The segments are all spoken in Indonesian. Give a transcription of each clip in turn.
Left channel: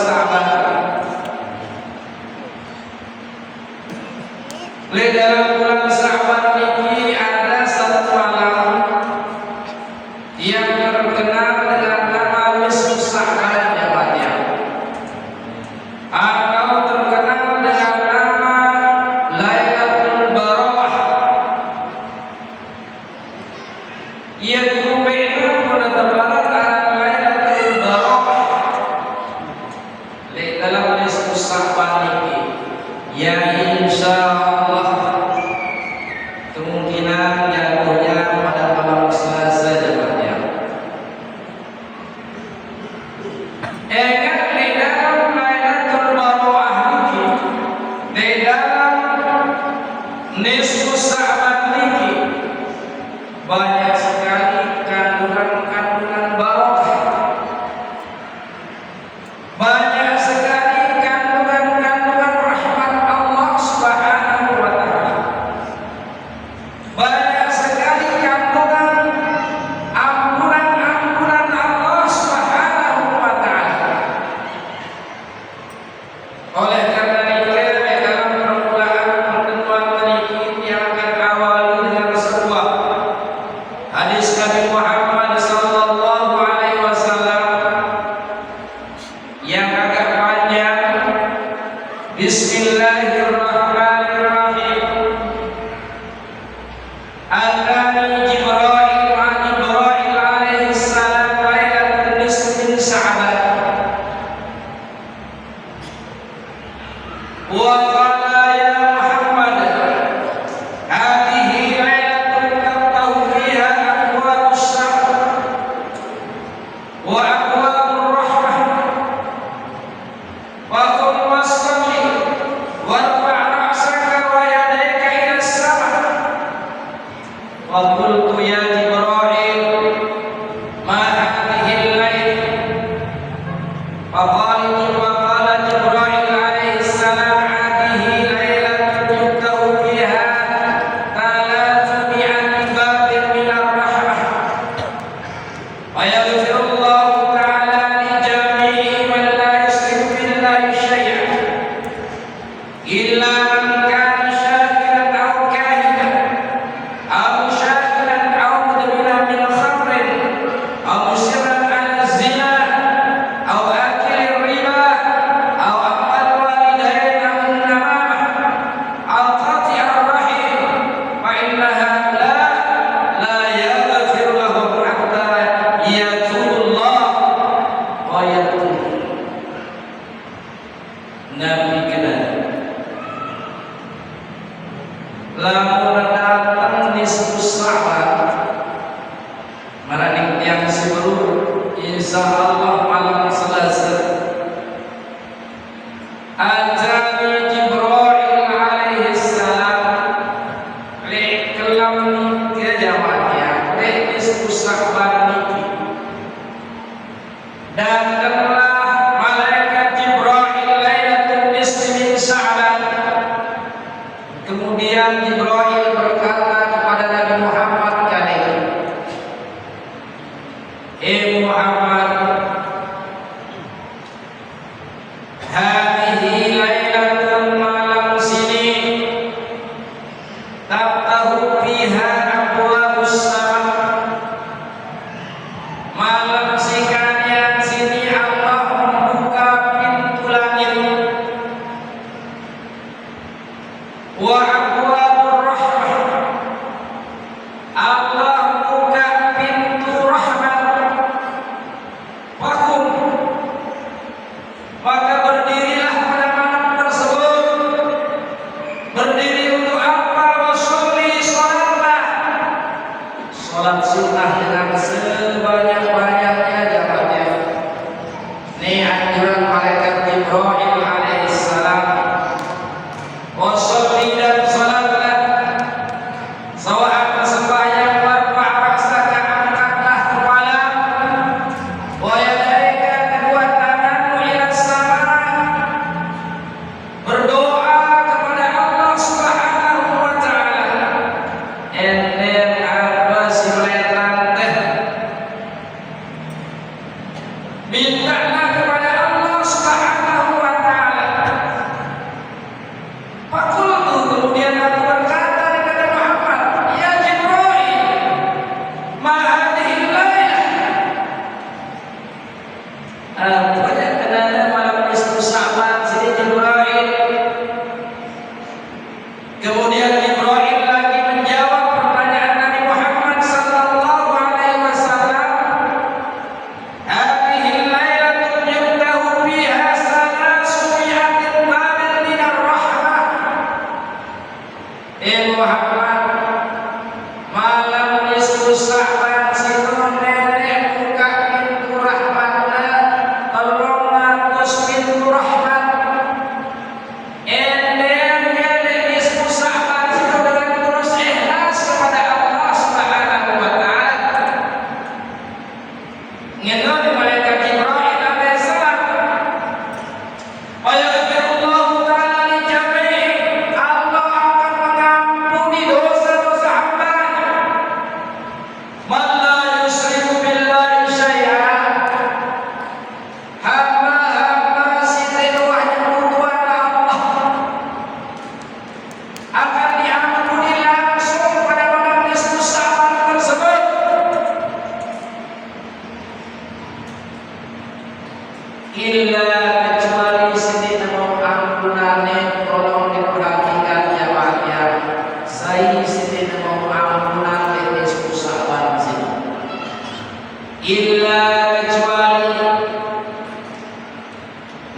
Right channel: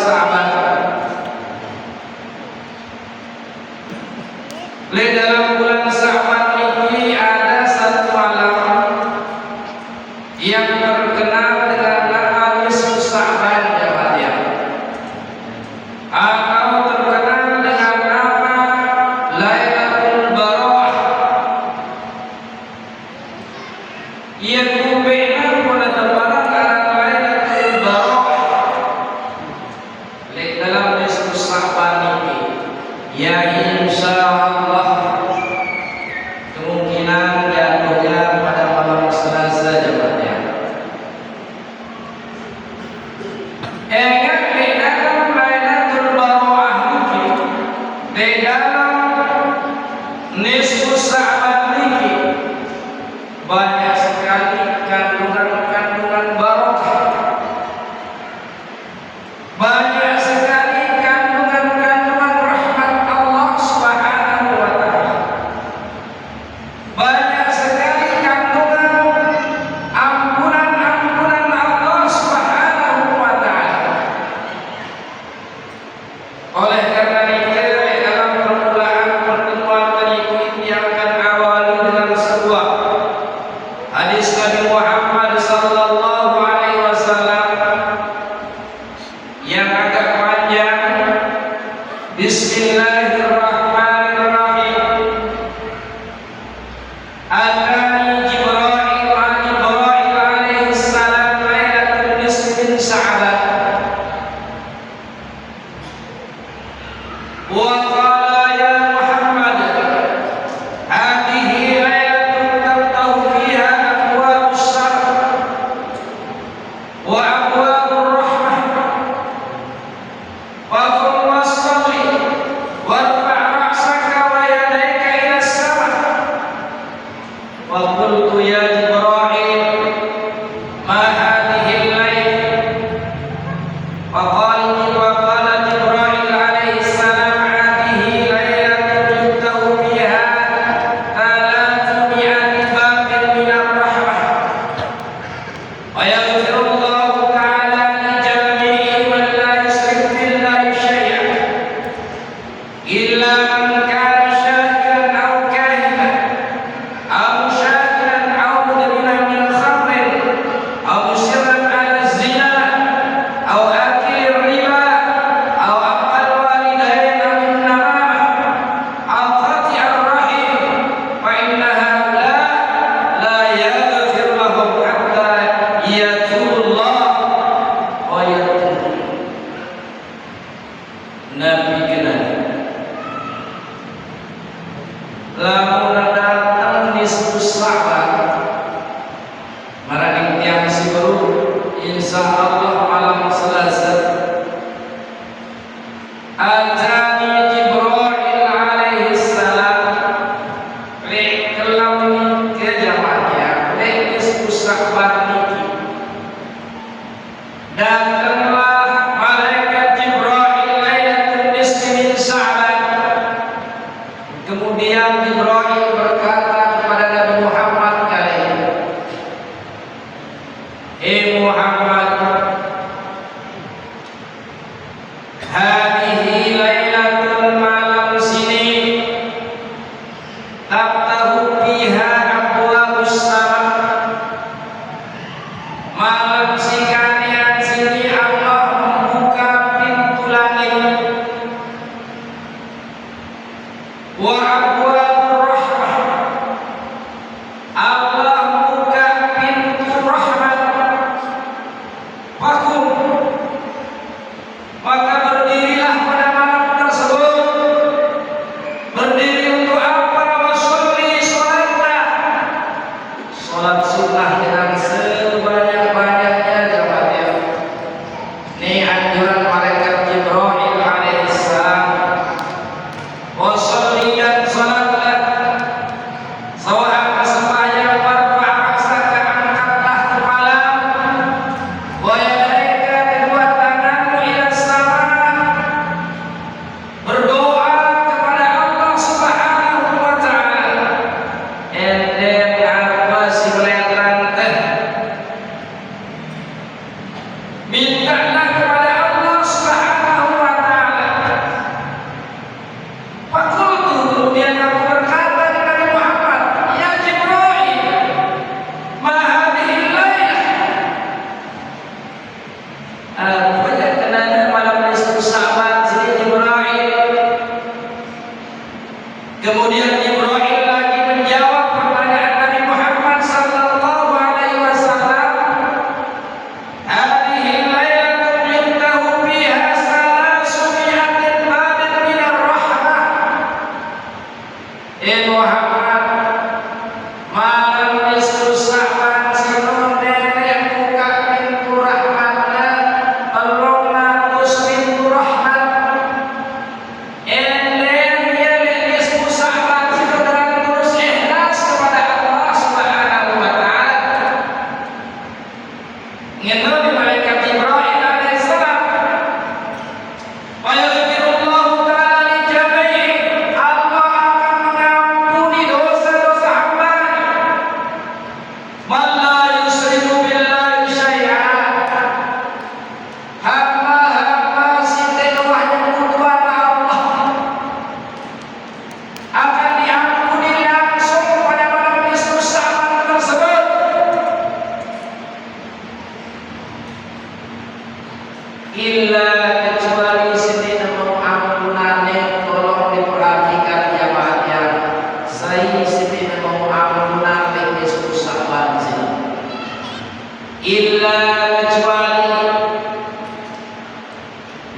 Sahabat insya Allah kemungkinan jatuhnya pada malam Selasa jemaatnya. Lailatul Barawah di dalam nisfu Sya'ban niki banyak sekali kandungan-kandungan barokah. Banyak sekali kandungan-kandungan rahmat Allah Subhanahu wa taala. Banyak sekali kandungan ampunan-ampunan Allah Subhanahu wa taala. Oleh karena itu dalam permulaan pertemuan berikut yang akan awali dengan sebuah hadis Nabi Muhammad sallallahu alaihi wasallam yang agak panjang. Bismillahirrahmanirrahim. Atani Jibril alaihi salam lailatul nisfi min Sya'ban wa qala ya Muhammad hadhihi lailatun taftahu fiha abwabus syarq wa abwabur rahmah wa qum wasalli warfa' ra'saka wa yadayka ila as-sama' wa qultu ya Jibril ma hadhihi al-lail fa qala Jibril alaihi salam hadhihi lailatun yuftahu fiha 300 babin min ar-rahmah wa yaghfirullahu ta'ala li jami'i man la yushriku billahi syai'an illa man kana syakiran aw kahinan aw syakiran aw mudminan min khamrin aw musirran 'ala zina aw akil riba aw aqal walidain aw namamah aw qati'ar rahim fa inna haula la yaghfir lahum hatta yatubullah wa yatub. Nabi kena lamun datang nisfu Sya'ban maraning tiang siweru insyaallah malam Selasa atani Jibril alaihi salam li kelam ke jamaahnya li nisfu Sya'ban niki datanglah malaikat Jibril lailatul nisfi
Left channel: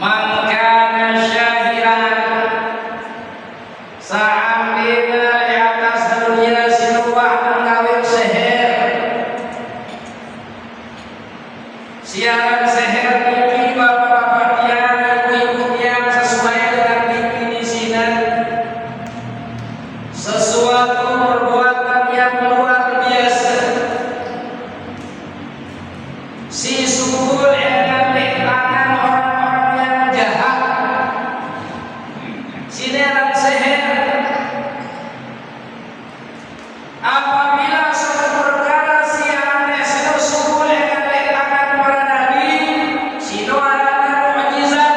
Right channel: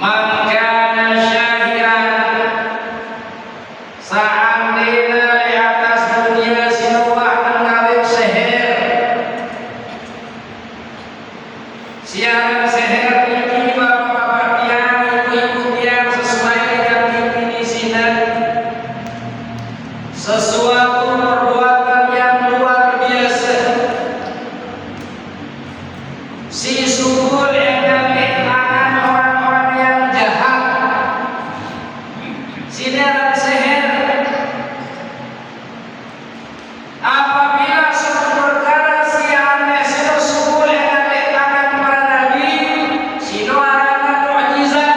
Man kana syahiran seandainya di atas dunia sinuwah mengawin seher siaran seher ini bapak-bapak tiang ibu-ibu tiang sesuai dengan definisinya sesuatu perbuatan yang luar biasa si sukul yang ngambil tangan orang-orang yang jahat sineran seher apabila suatu perkara si aneh sinu sukul yang ngambil tangan para nabi sinu arana mukjizat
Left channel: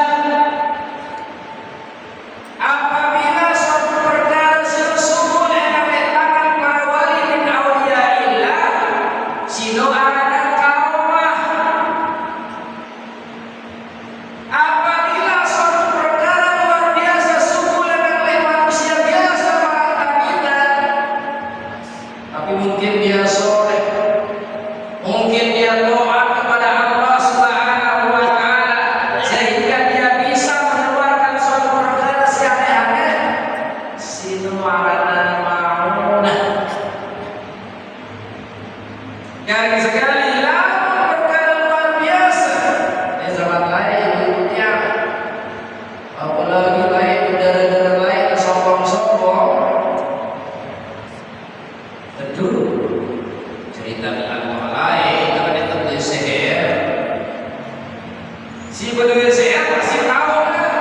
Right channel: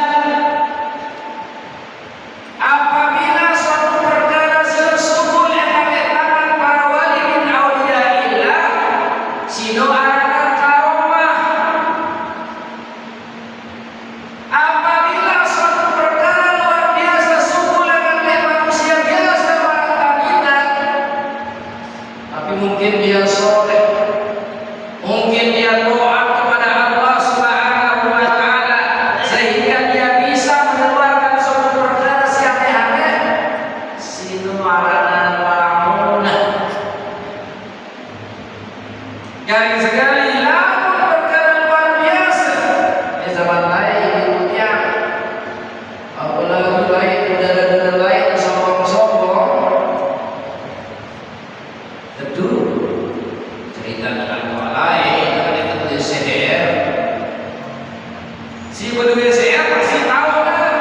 apabila suatu perkara sinu sukul yang ngambil tangan para wali min auliyaillah sinu arana karomah apabila suatu perkara luar biasa sukul yang ngambil manusia biasa orang wanita tapi mungkin dia soleh mungkin dia doa kepada Allah Subhanahu wa taala sehingga dia bisa mengeluarkan suatu perkara si aneh-aneh sinu arana ma'unah garing sekali lamun perkara luar biasa di zaman lain ibunya apalagi baik udara-udara baik sombong-sombong tentu cerita dengan orang lain ada betul seher si betul seher pasti tahu kan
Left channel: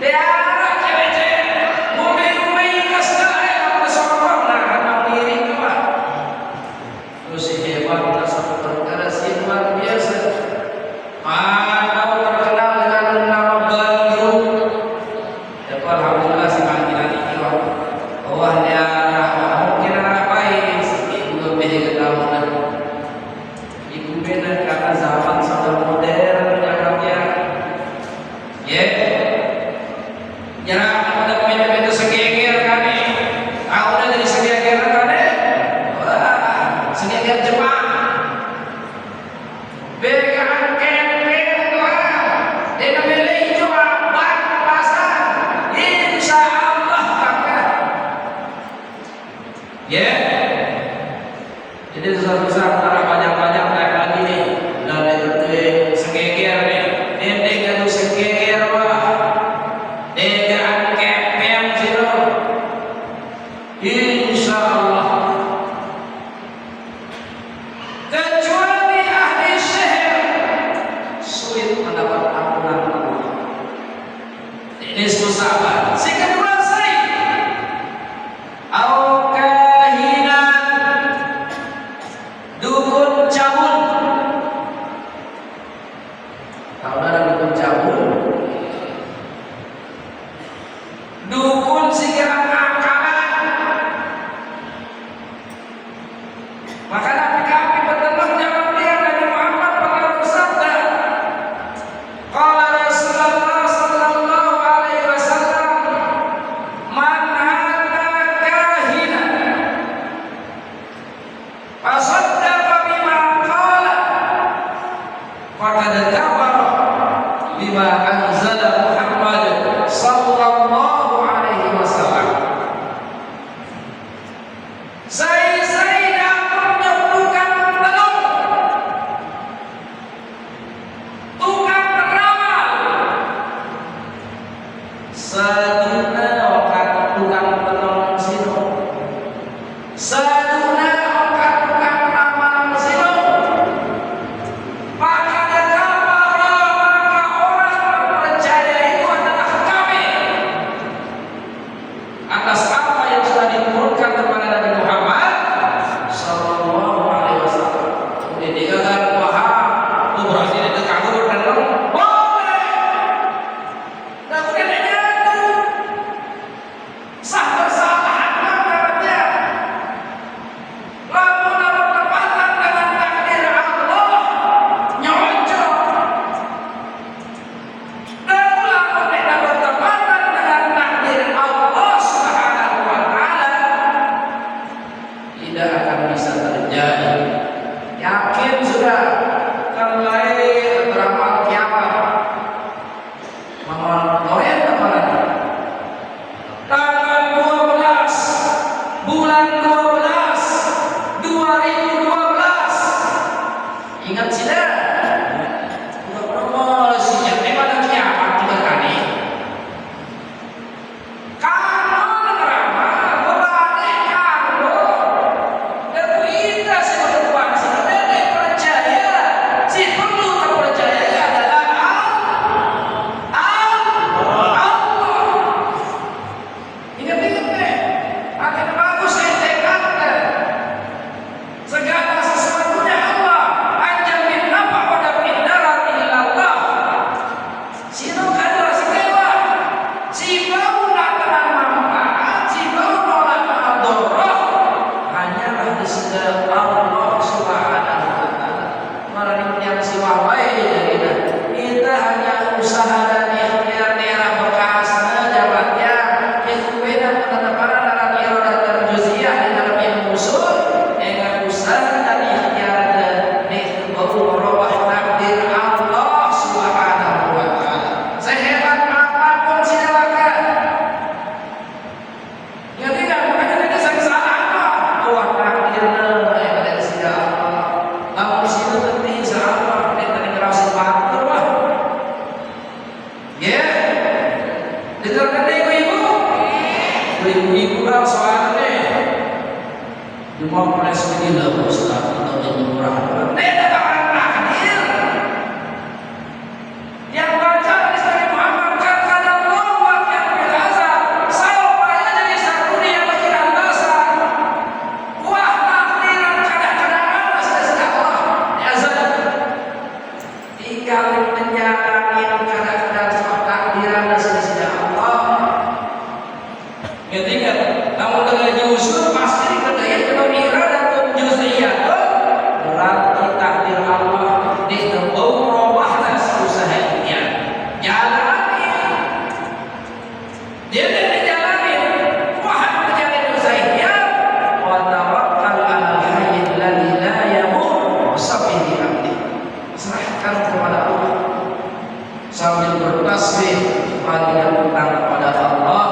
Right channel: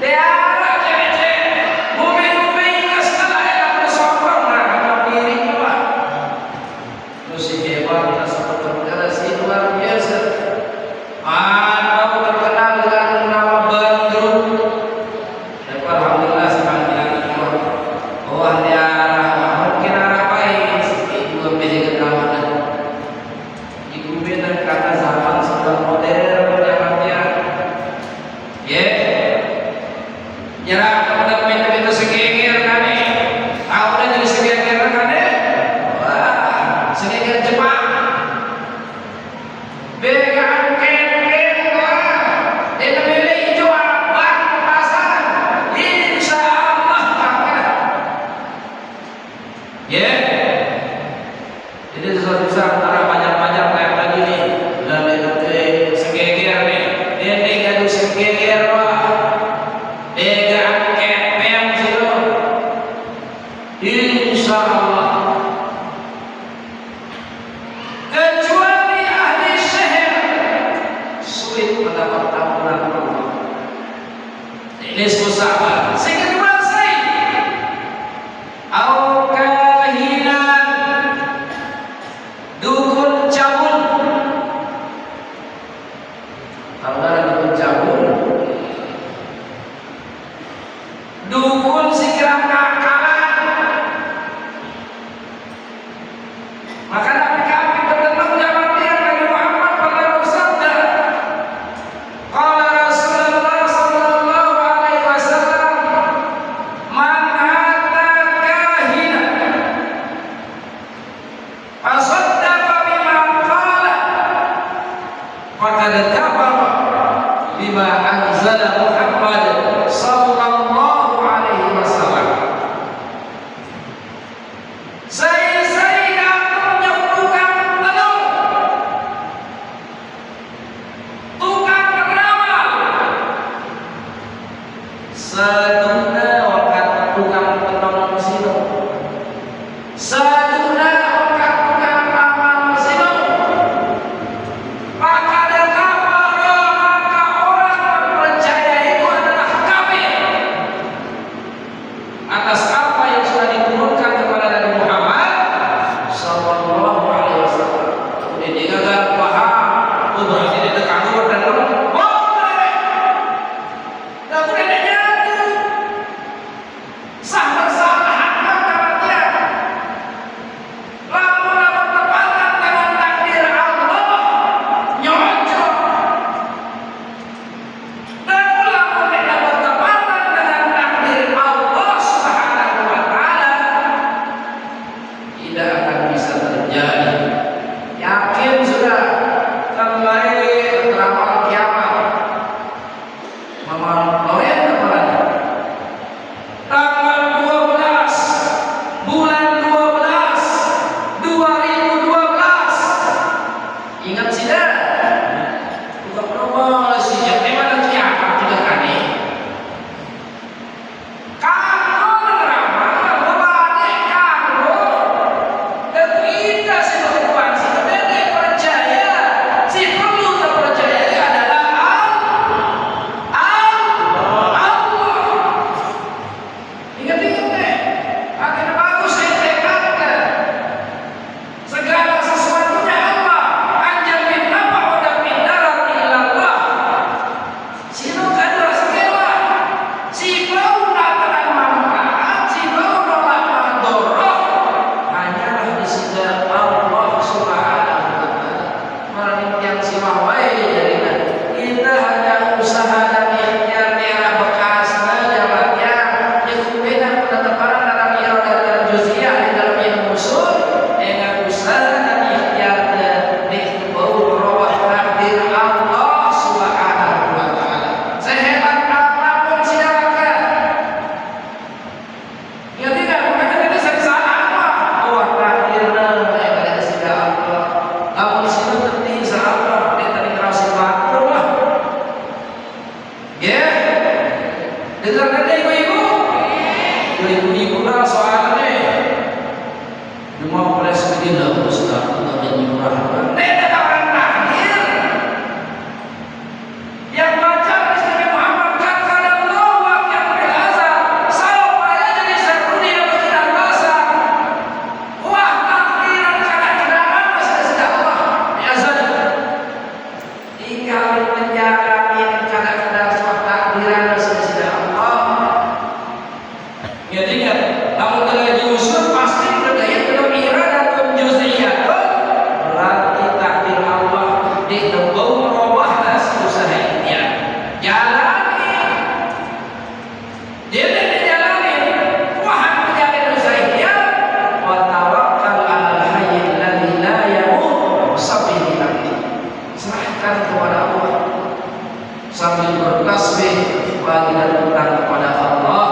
dia ada cewek-cewek mobil-mobil ingat setelah yang bersombong nak diri kau itu si hebat tak satu perkara si luar biasa mau terkenal dengan nama Bandung ya alhamdulillah si panggilan itu bahwa dia mungkin anak baik ibu lebih kenal ibu benar karena zaman sudah modern dia ya jarak kepada pintu-pintu segeger kan tahu dah dari segeger kan wah segeger Jepang begaan kempen orang dia memilih jual bak pasar insya Allah akan ya jadi sesuatu besar orang banyak-banyak kayak tadi nih dari itu segeger nih dia gaduh segeger wah begaan kempen sih insya Allah kecuali ahli seher sulit mendapat ampunan Allah ini susah sehingga dikuasai au kahinan dukun cabul tahu ada dukun cabul dukun sikirang ngakalan maka Nabi kami bertemu jawab dia Nabi Muhammad pernah bersabda qala Rasulullah sallallahu alaihi wasallam man ata kahina fasaddaqa bima qala faqad kafara bima anzala Muhammad sallallahu alaihi wasallam saya datang tukang tenung tukang peramal saduna wakat tukang tenung sino saduna wakat tukang ramal sino maka ada kapal maka orang Alhamdulillah Ustaz Allah jadi murah. Ada orang takdir yang baca hadis Nabi Muhammad kata Allah wa kan bilaza sawfa yajri syarruni wa kiran basa wah takdiran kadang-kadang apa saja Allah azza jika menjalanin kadang-kadang takdiran saja Allah ya tidak namun kalau justru pasti kedaya belum iradah juz'iyah berarti takdir Allah ditebau robah usahanya jalani dia tidak jalani wahab menjadi usahanya wa tawakkal 'alal hayy alladzi la yamut sabili abdi serahkan kepada Allah sambil bertasbih wa dilakukan kepada Allah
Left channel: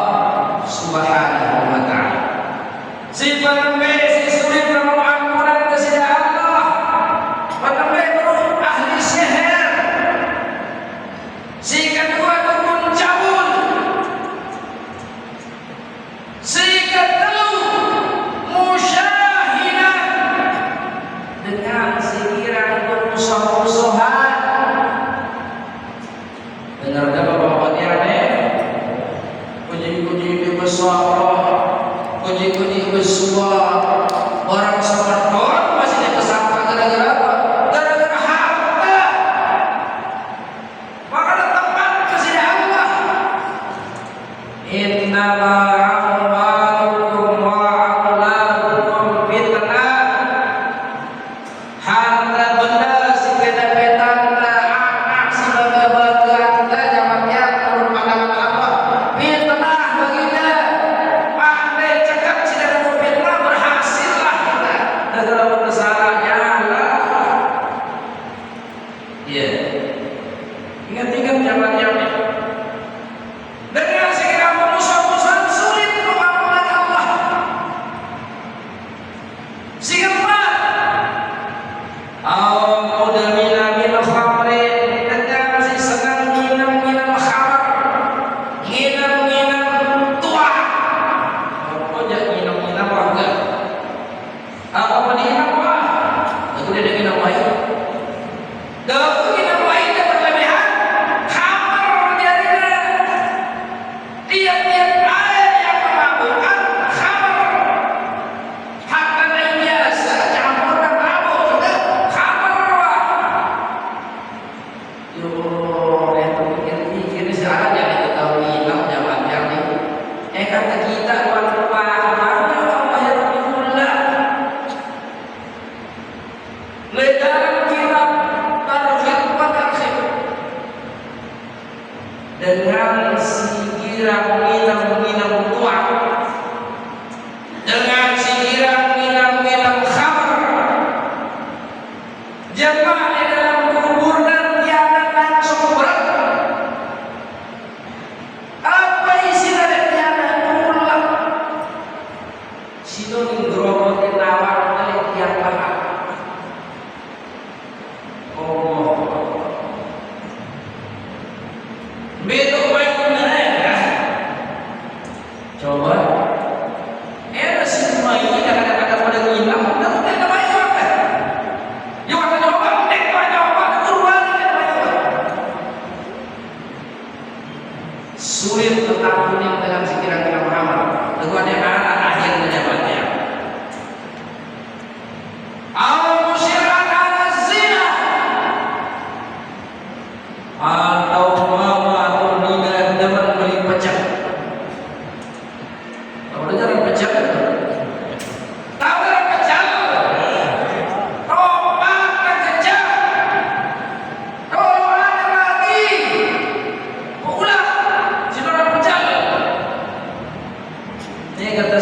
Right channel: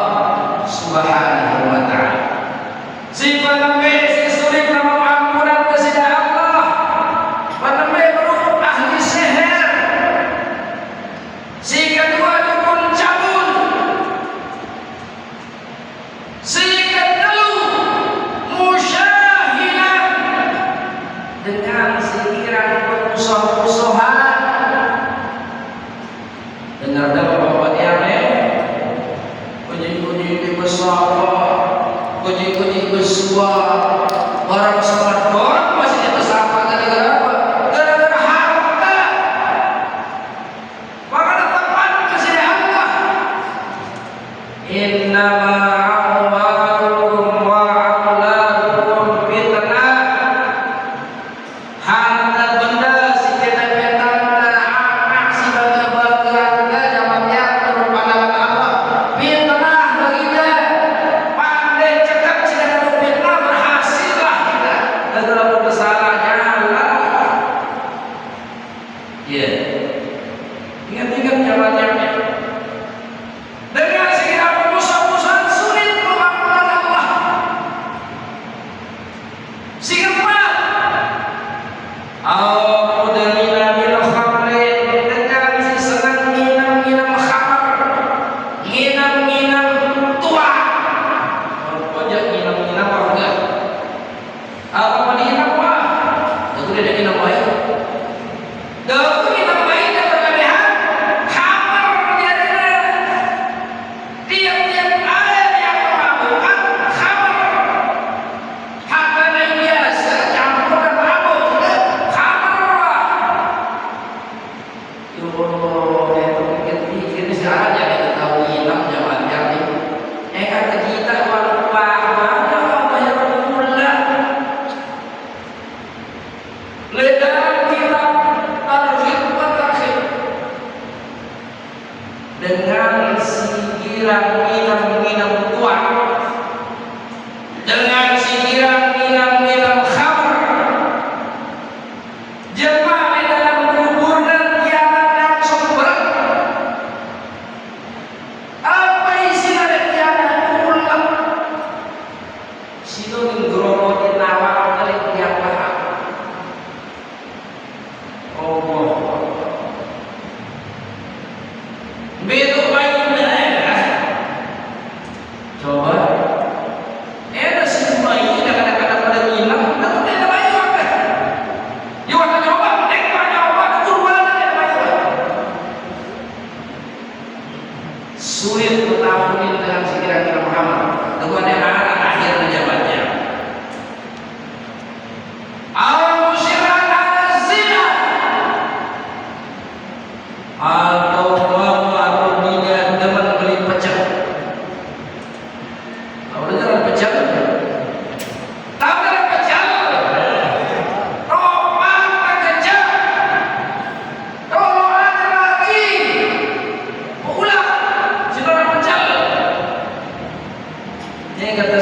subhanahu wa ta'ala si penembe si sulit nama ampunan kepada Allah penembe berhubung ahli sihir si kedua dukun cabul si ketelu musyahidah dengan sikiran musuh-musuhan dengar bapak-bapak tiane puji-puji di besar puji-puji besar orang sholat orang masih di pesawat gara-gara apa? Gara-gara harta maka tempat masih di Allah innama amwalukum wa auladukum fitnah harta benda si benda-benda anak si benda-benda anda jamannya menurut pandangan Allah fitnah baginda pandai cekap sudah ada fitnah berhasillah kita dalam berbesarnya Allah ya ingat-ingat jalannya dengan segala musuh-musuhan sulit mengamalkan Allah sehingga mudamina min khamrin dengan si senang minum khamr minum tua pojok minum warga apa mau diminum apa itu dia minum air dalam minum air dan berlebihan khamr jadinya tiap-tiap air yang memabukkan khamr harta lain biasa campur dan mabuk khamr yo itu pikir-pikir sekarang jangan kita hilang jangan jadi kata kita walaupun Allah ya Rabbullah dalam kitab Targhib wa Tarhib dengan sikiran minum tua dengan sikiran minum khamr jemaah di dalam kubur dan kiamat langsung berat apa isi dari kiamat ulang sinonim gromotin awak kali kiamat Allah betul baiknya coba ada semua ini kadang-kadang pada hilang tapi tidak baik apa dia akan coba coba kurban sulit bertahan dalam pikiran Muhammad dengan yang mana akhirnya jabatnya al-musyirak al-zina atau mau atau tidak demen beli pecah tahu dengar pecah tahu dengar pecah obat terkejap tolong lagi ulang si orang pecah ini kata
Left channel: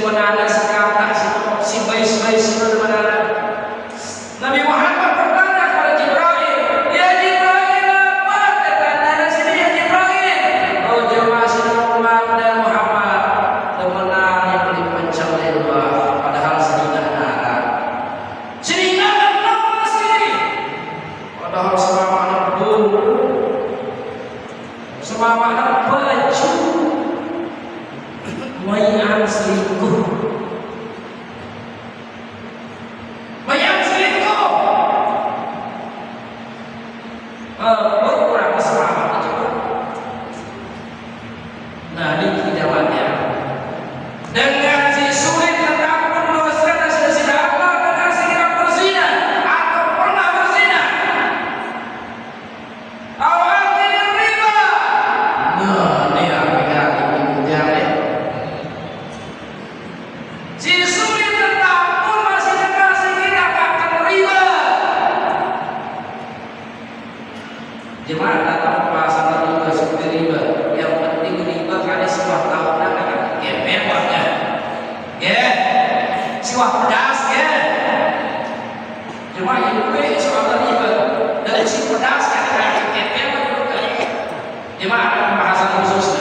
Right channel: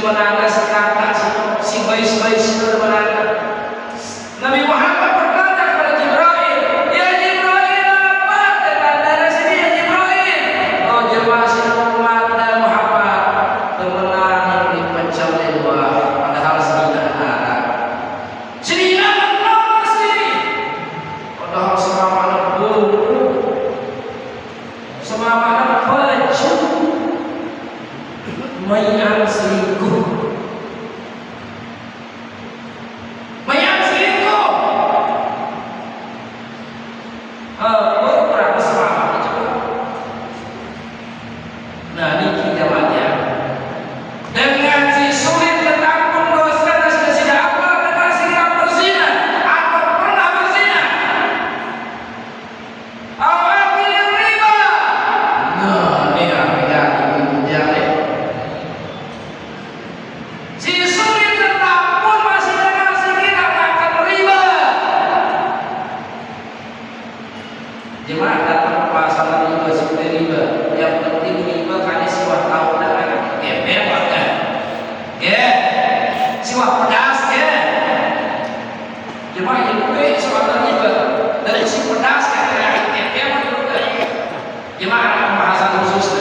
menana si kata si bayi si menana. Nabi Muhammad berkata kepada Jibril, ya Jibril, apa dari sini ya Jibril? Oh jemaah sini Muhammad dan Muhammad temenan yang dipecah oleh dua, padahal sebenarnya nara. Sini apa sini? Padahal sama anak bulu, sama anak baju, mayang selingkuh. Jemaah datang pasal riba seperti riba. Yang penting riba kali siwak tahu dan ya mewah kan? Ya, siwak pedas ya. Jemaah yang itu siwak riba. Dari si pedas kan ya mewah juga. Jemaah ada pembahasan khusus.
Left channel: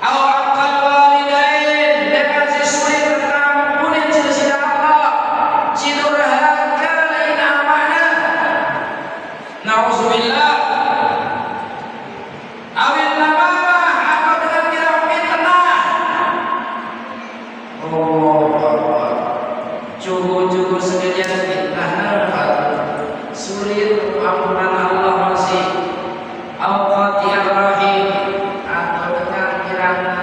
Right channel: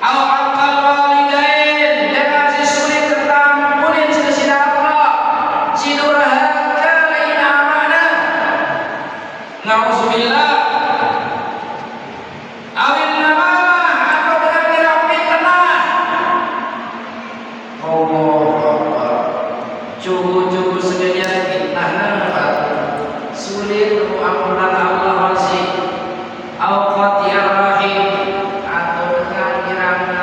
Awal walidain dengan si sulit tentang punin si Allah, si durhaka lain amanah. Nauzubillah. Awil namamah atau dengan tidak fitnah. Allah cukup segala fitnah sulit untuk ampunan Allah masih awqat ya rahim atau dengan kirana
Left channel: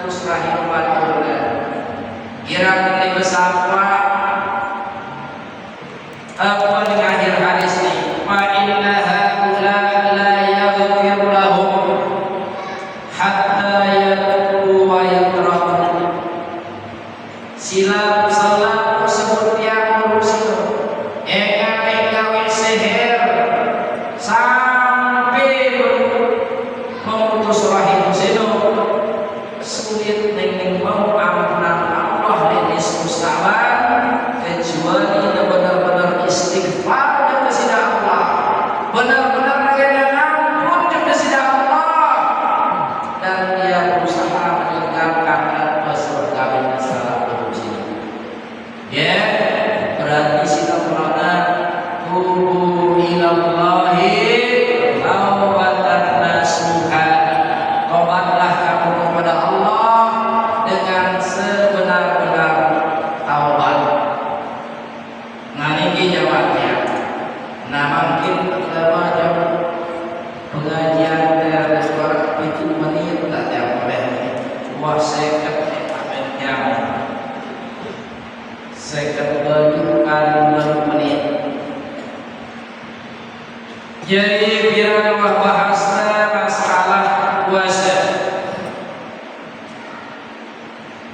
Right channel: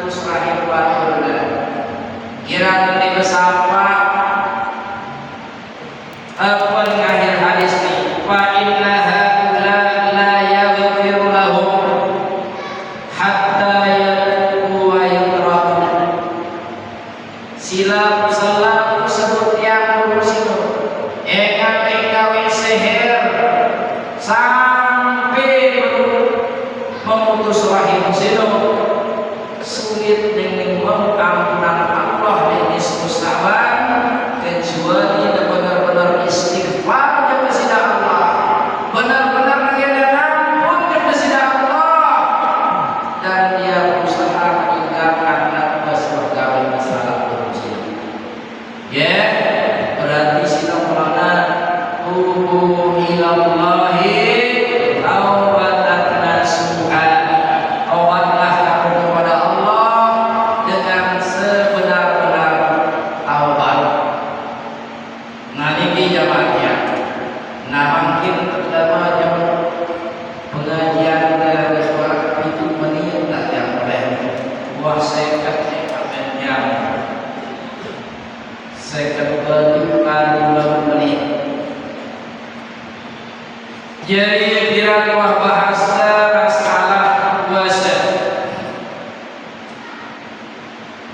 putus rahim barakullah kirana dibesarkan apa dengan akhir hadis ini fa innaha la yaghfir lahum hatta yatubu wa yutraku silap selaku sebut yang musibah engat enggawi seher sampai memutus rahim sino sulit dengan mau ampunan Allah ini mustawan kecuali benar-benar istighfar kepada sida Allah, benar-benar mengenal ampun kepada sida Allah, dan dia berusaha meninggalkan apa sebagai masalah berusaha. Ya, berarti sida mulana tubu ilallahi taubatan nasuha. Taubatlah kamu kepada Allah dengan sebenar-benar taubat. Nah ini jamaahnya. Nah mungkin pertama jamaah pengajian dari suara itu menit tak sampai. Wah sekat jam. Sekat 7 menit. Jadi biarlah bahasa masalah puasa.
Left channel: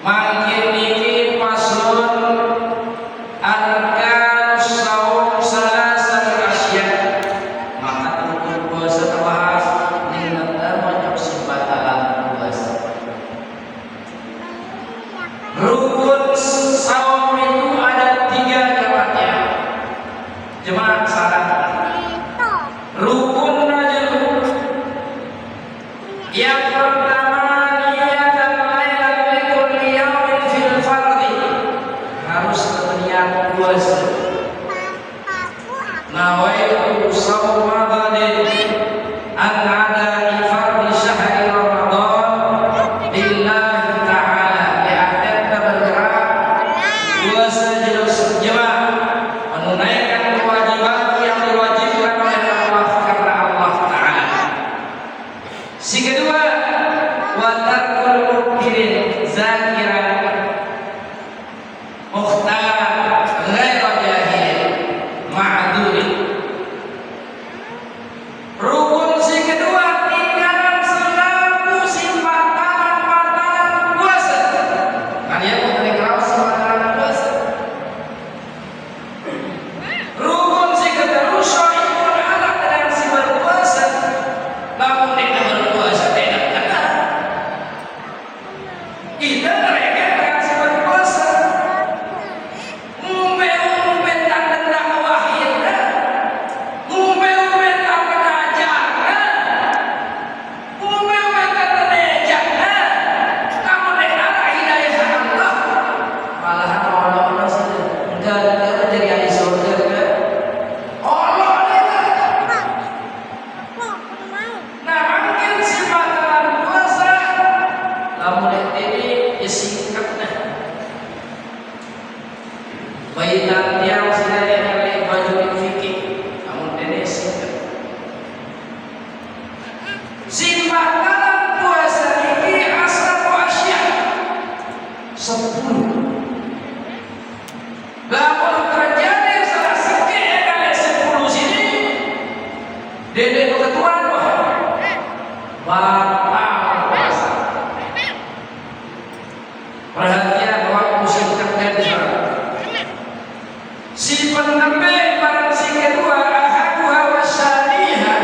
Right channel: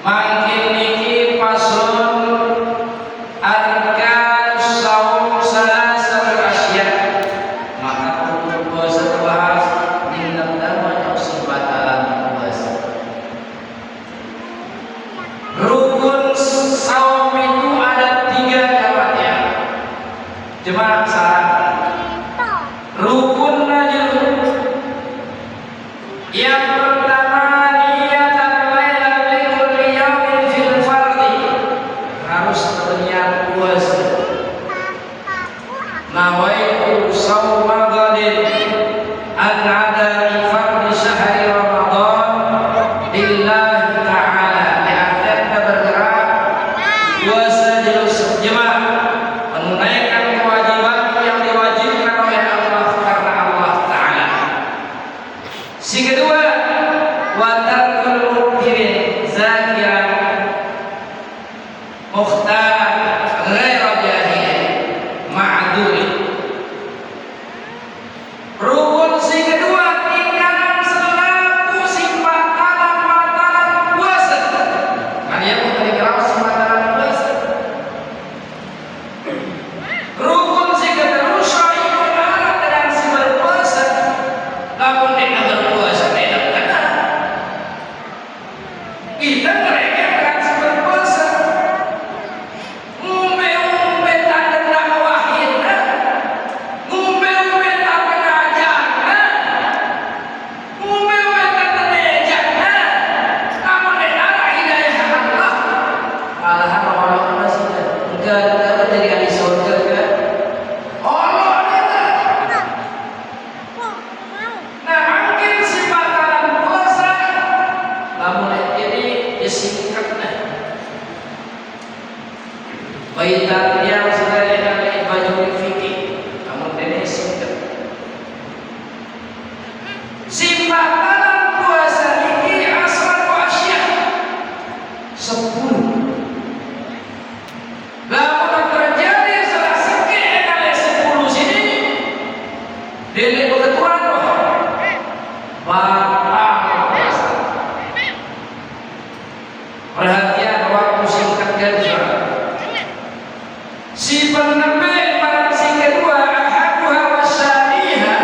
Makin ini pasun arkanus shaum salasat asya. Maka untuk puasa bahas dengan banyak sifatan puasa. Rukun shaum itu ada 3 jamaahnya. Jemaah salah. Rukunnya yang pertama niatan lailatul yaumin fil fardhi harus berniat puasa. Nawaitu shauma ghadin an adai fardhi syahri Ramadan lillahi ta'ala. Lihat bergerak puasa jelas jemaah menunaikan kewajiban yang diwajibkan oleh Allah karena Allah Ta'ala. Si kedua, wa tarkul mukhirin zakiran mukhtar ghairu jahil ma'durin. Rukun si kedua tinggalan selaku simpanan puasa. Kan dia memberi kerau simpanan puasa. Rukun si kedua syai'un anak dengan si berpuasa. Namun dengan berpuasa tidak benar. Kita mereka singkatnya. Baitan yang sedaya kali baju fikih, kamu ini singkat. Simbatan puasa ini asal asya 10. Lamun terjadi salah sikit kali 10 sini, dele ketuan batal puasa. Perhatian waktu singkatnya di sana. Si penembe barang si kedua ahaduha wasyaniha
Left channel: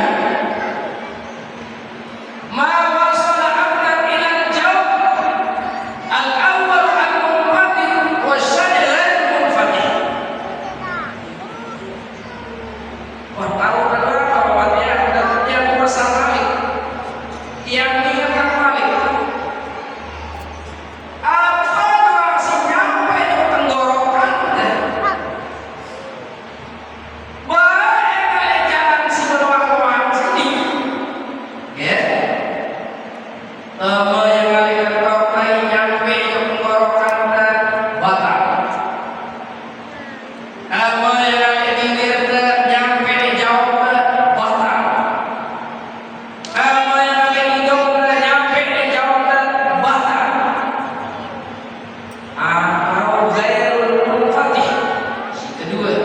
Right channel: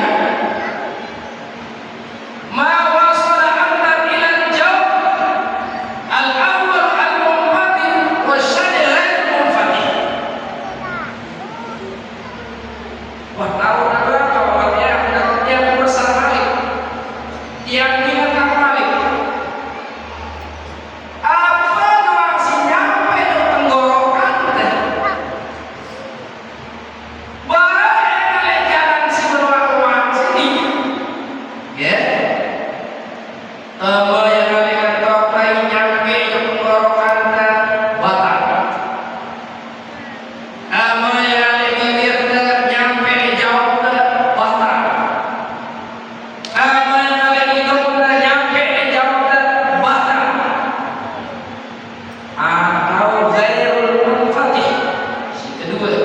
ma wasala amran ila al-jawab al-awwal al-munfatih wasyani ghair munfatih. Wah, tahu bahwa dia berusaha balik, yang dimakan balik. Apa si nyampe di tenggorokan teh? Boleh jalan si beruang sini, ya. Boleh kali kota nyampe di tenggorokan teh batal. Boleh kali bibir teh nyampe di jauh teh batal. Boleh kali hidung teh nyampe di jauh teh batal. Atau ghairul munfatih si kedua.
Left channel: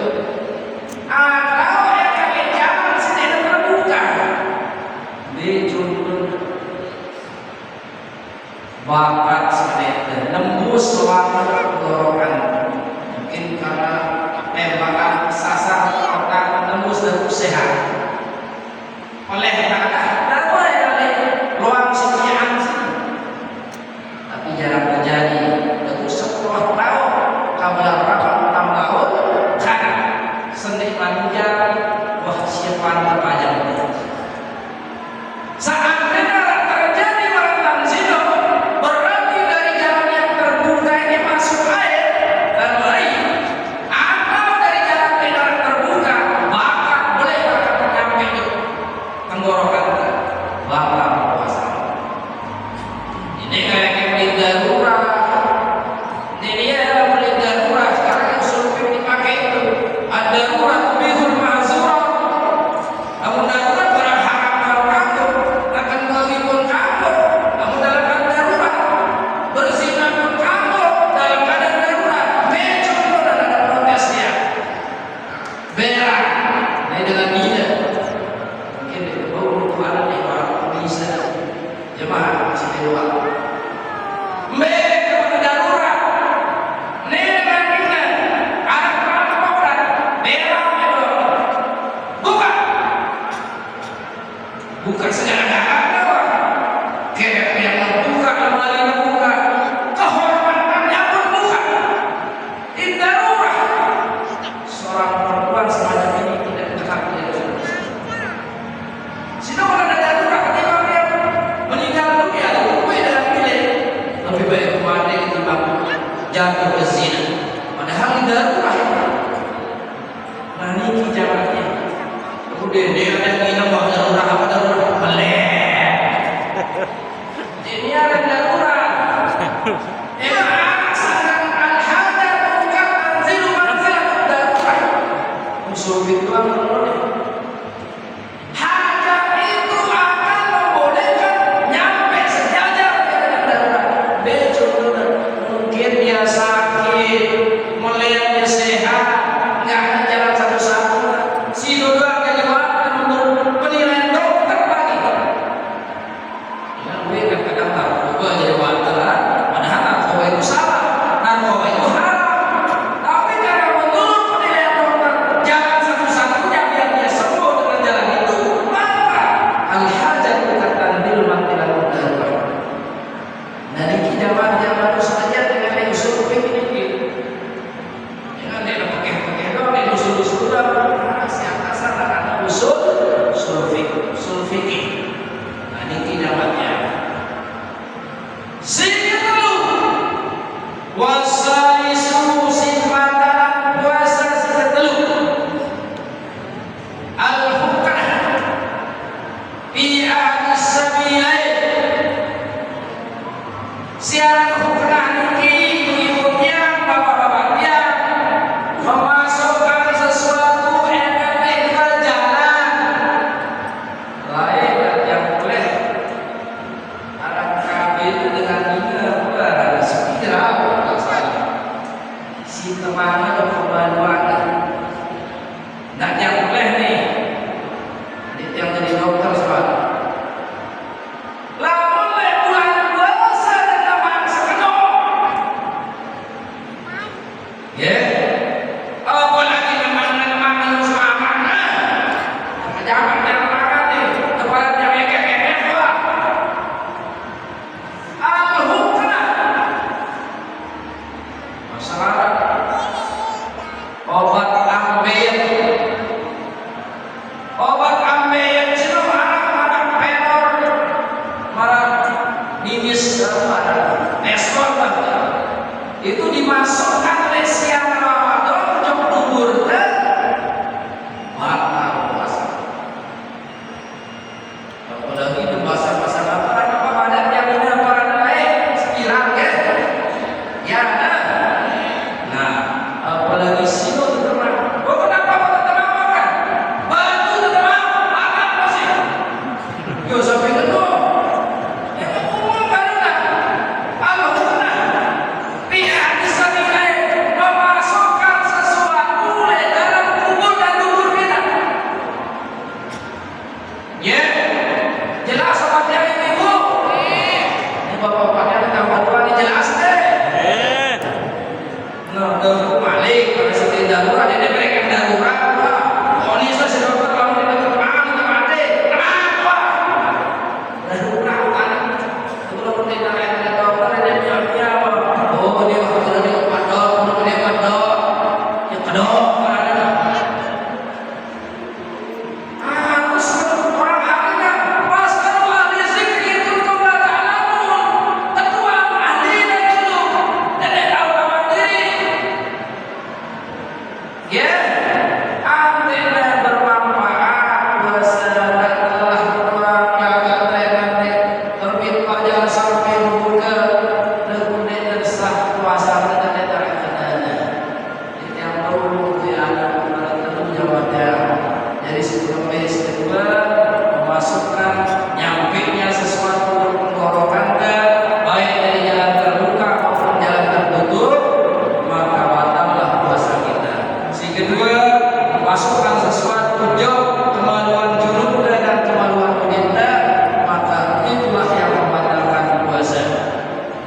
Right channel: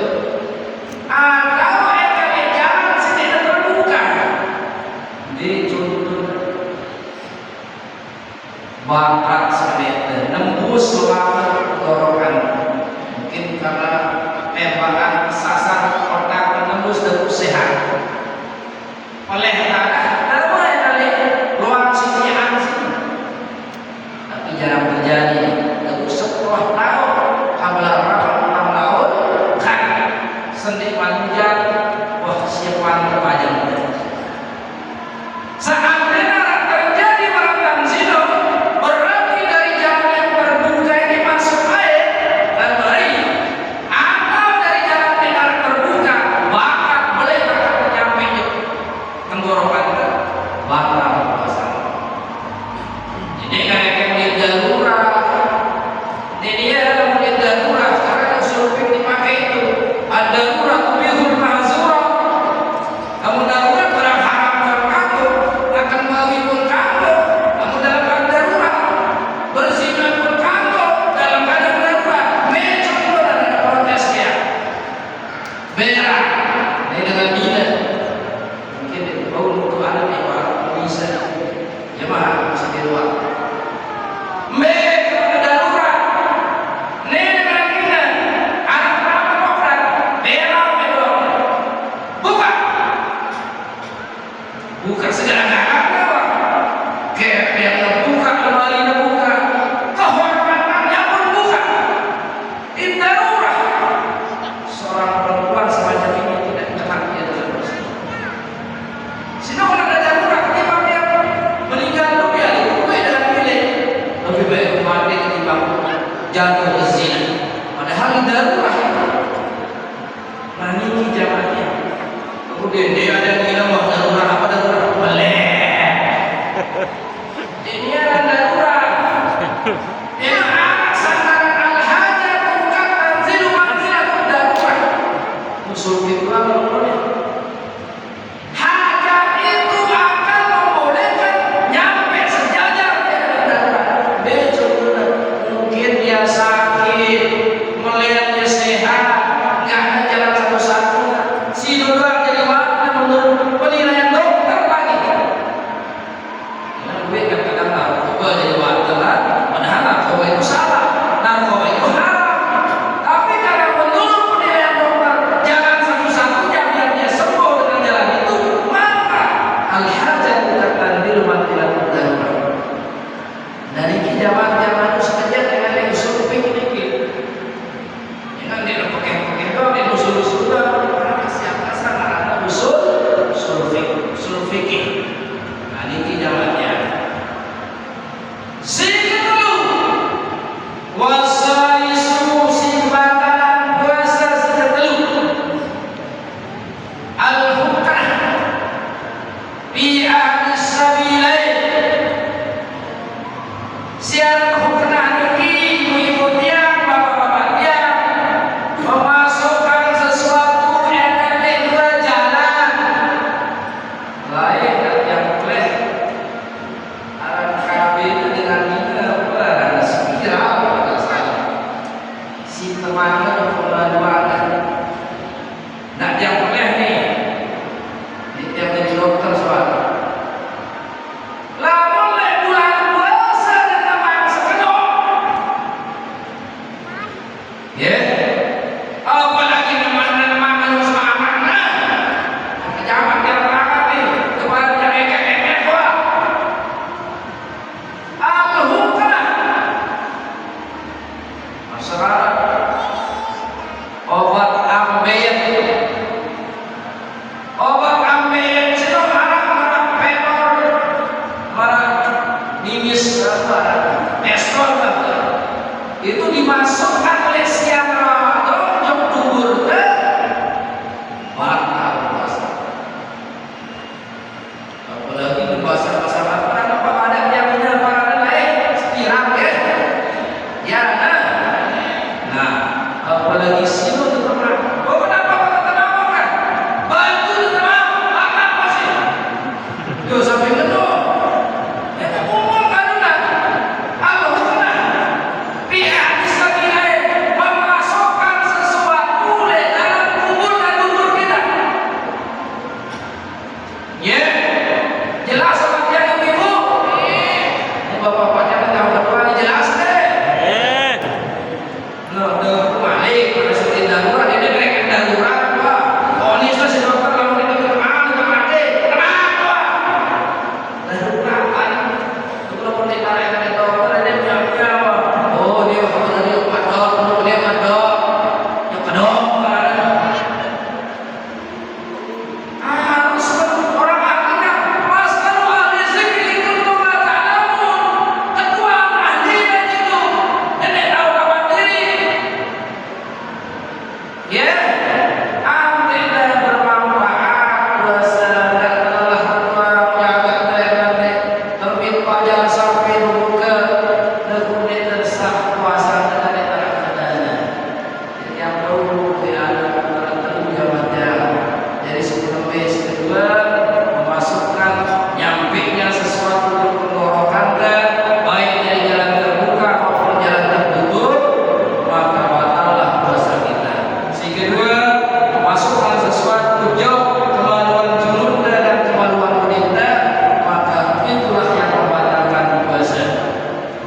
Atau kali jalan sedang terbuka dijuntur bakat semeter nembus selama tenggorokan, mungkin karena tembakan sasar otak menembus terus sehat oleh karena boleh kali luang sikian sini, tapi jarang terjadi. Terus 10 tahun kabelah berapa 6 tahun cari sendi panjang, wah siapa terpajang. Saat benar terjadi barang zina, berarti dari jalan yang terbuka ini masuk air dan lain, atau dari jalan tidak terbuka bakat boleh bakat menyampai di tenggorokan batal puasa. Ini kayak yang di darurat, ini dia yang darurat. Sekarang yang supir dipakai itu ada darurat bihul ma'zurat. Namun darurat berharap kamu akan menghibur kamu. Namun dalam keadaan darurat berzina pun kamu dalam keadaan darurat. Macam pun ada protesnya. Berak. Ini dengan bila mungkin Tuhan ini orang bisa jemaah masih di luar. Mereka darurat. Nenek mana anak perampok berak itu buka. Buka segala-galanya. Kayak buka lemari buka, kehormatannya pun buka. Ini darurat. Seorang perempuan semacam ini tidak bahagia dalam Islam. Sehingga kalau ada darurat, ketika dia meninggal dunia, dalam bilik lebih baik mati ketimbang jatuh ke zina. Padahal darurat. Nah ini jawabannya. Kemudian dia ada minum waktu darurat apa darurat? Melek. Ini ada darurat. Emang asalkan al-hajat bukan tanzilu manzilah darurat. Usul fikih hajat itu akan membolehkan nyampe sejajar dengan darurat. Betul benar. Mungkin dia sakit, melihatnya sehat, nggak ada jalan satu-satunya. Si dokter jadi makan untuk penilaian dokter lagi. Gimana gue katakan narkoba jadi batal, padahal narkoba itu salah, narkoba itu haram. Tapi karena menurut penilaian dokter jalan satu-satunya biar dia sembuh dengan jalan itu, maka al-hajat bukan tandil mantilah darurat. Dari zaman-zaman itu saja dengan yang surfing ini, jangan dia pakai doang, dia usul-usul doang. Siapa salah ada usul surfing. Nah ini jawabannya. Silu wasaisu simbatan puasa sikatelu al-hukah fi ahli sabilain. Siang hukah dimasukkan oleh siang Ramadan jok duhur teh batal puasa. Apalagi di bahasa Arab apa ada jaminan para lain sekirang ya. Ya nah, apalagi sinu teman. Oh kenapa kata teman kan? Batu teman, apa sih? Yo sampai itu.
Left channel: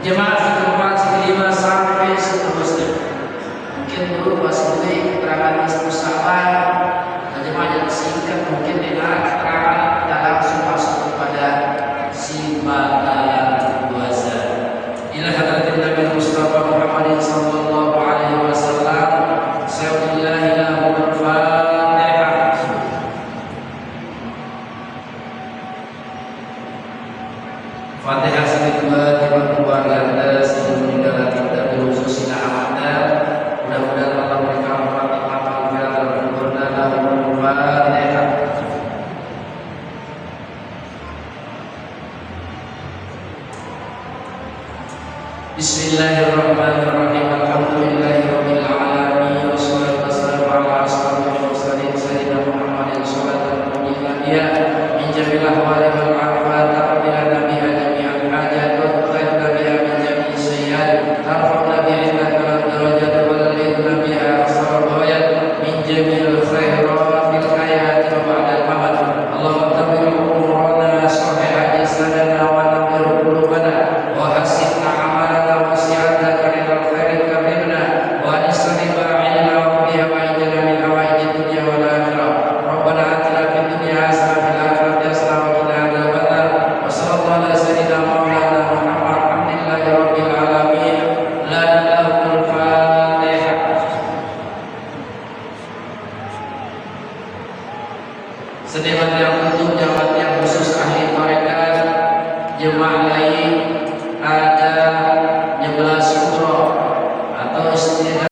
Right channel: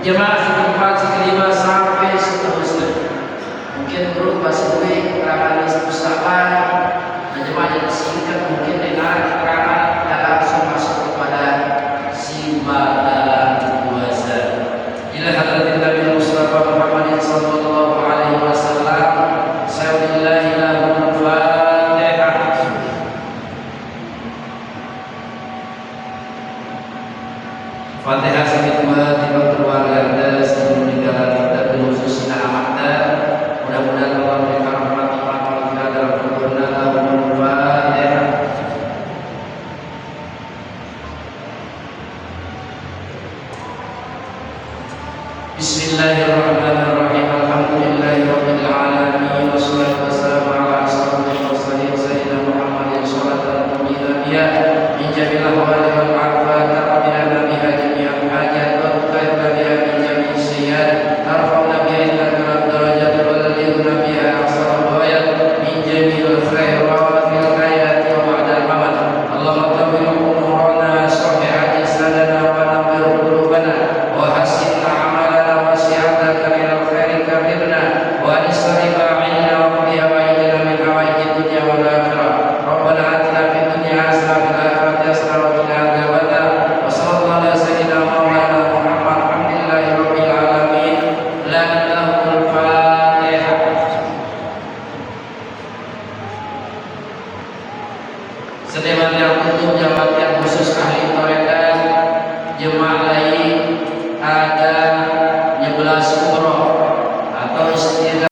Jemaah keempat, kelima sampai seterusnya. Mungkin dulu masih baik keterangan pustakaan. Jemaah yang singkat mungkin dengar keterangan dan langsung masuk kepada si batalan puasa. Ila hadratin Nabi Mustafa Muhammad sallallahu alaihi wasallam. Sa'udillahi lahul Fatihah. Fatihah sampai dua keluarga Anda sebelum meninggal kita khususnya anak-anak. Mudah-mudahan Allah memberikan rahmat dan Fatihah. Bismillahirrahmanirrahim. Alhamdulillahirabbil alamin. Wassalatu wassalamu ala asyrofil mursalin sayyidina Muhammadin shallallahu alaihi wasallam. Min jamil ahwali wal afat rabbil alamin. Setiap yang untuk jawab yang khusus ahli torekan jemaah lain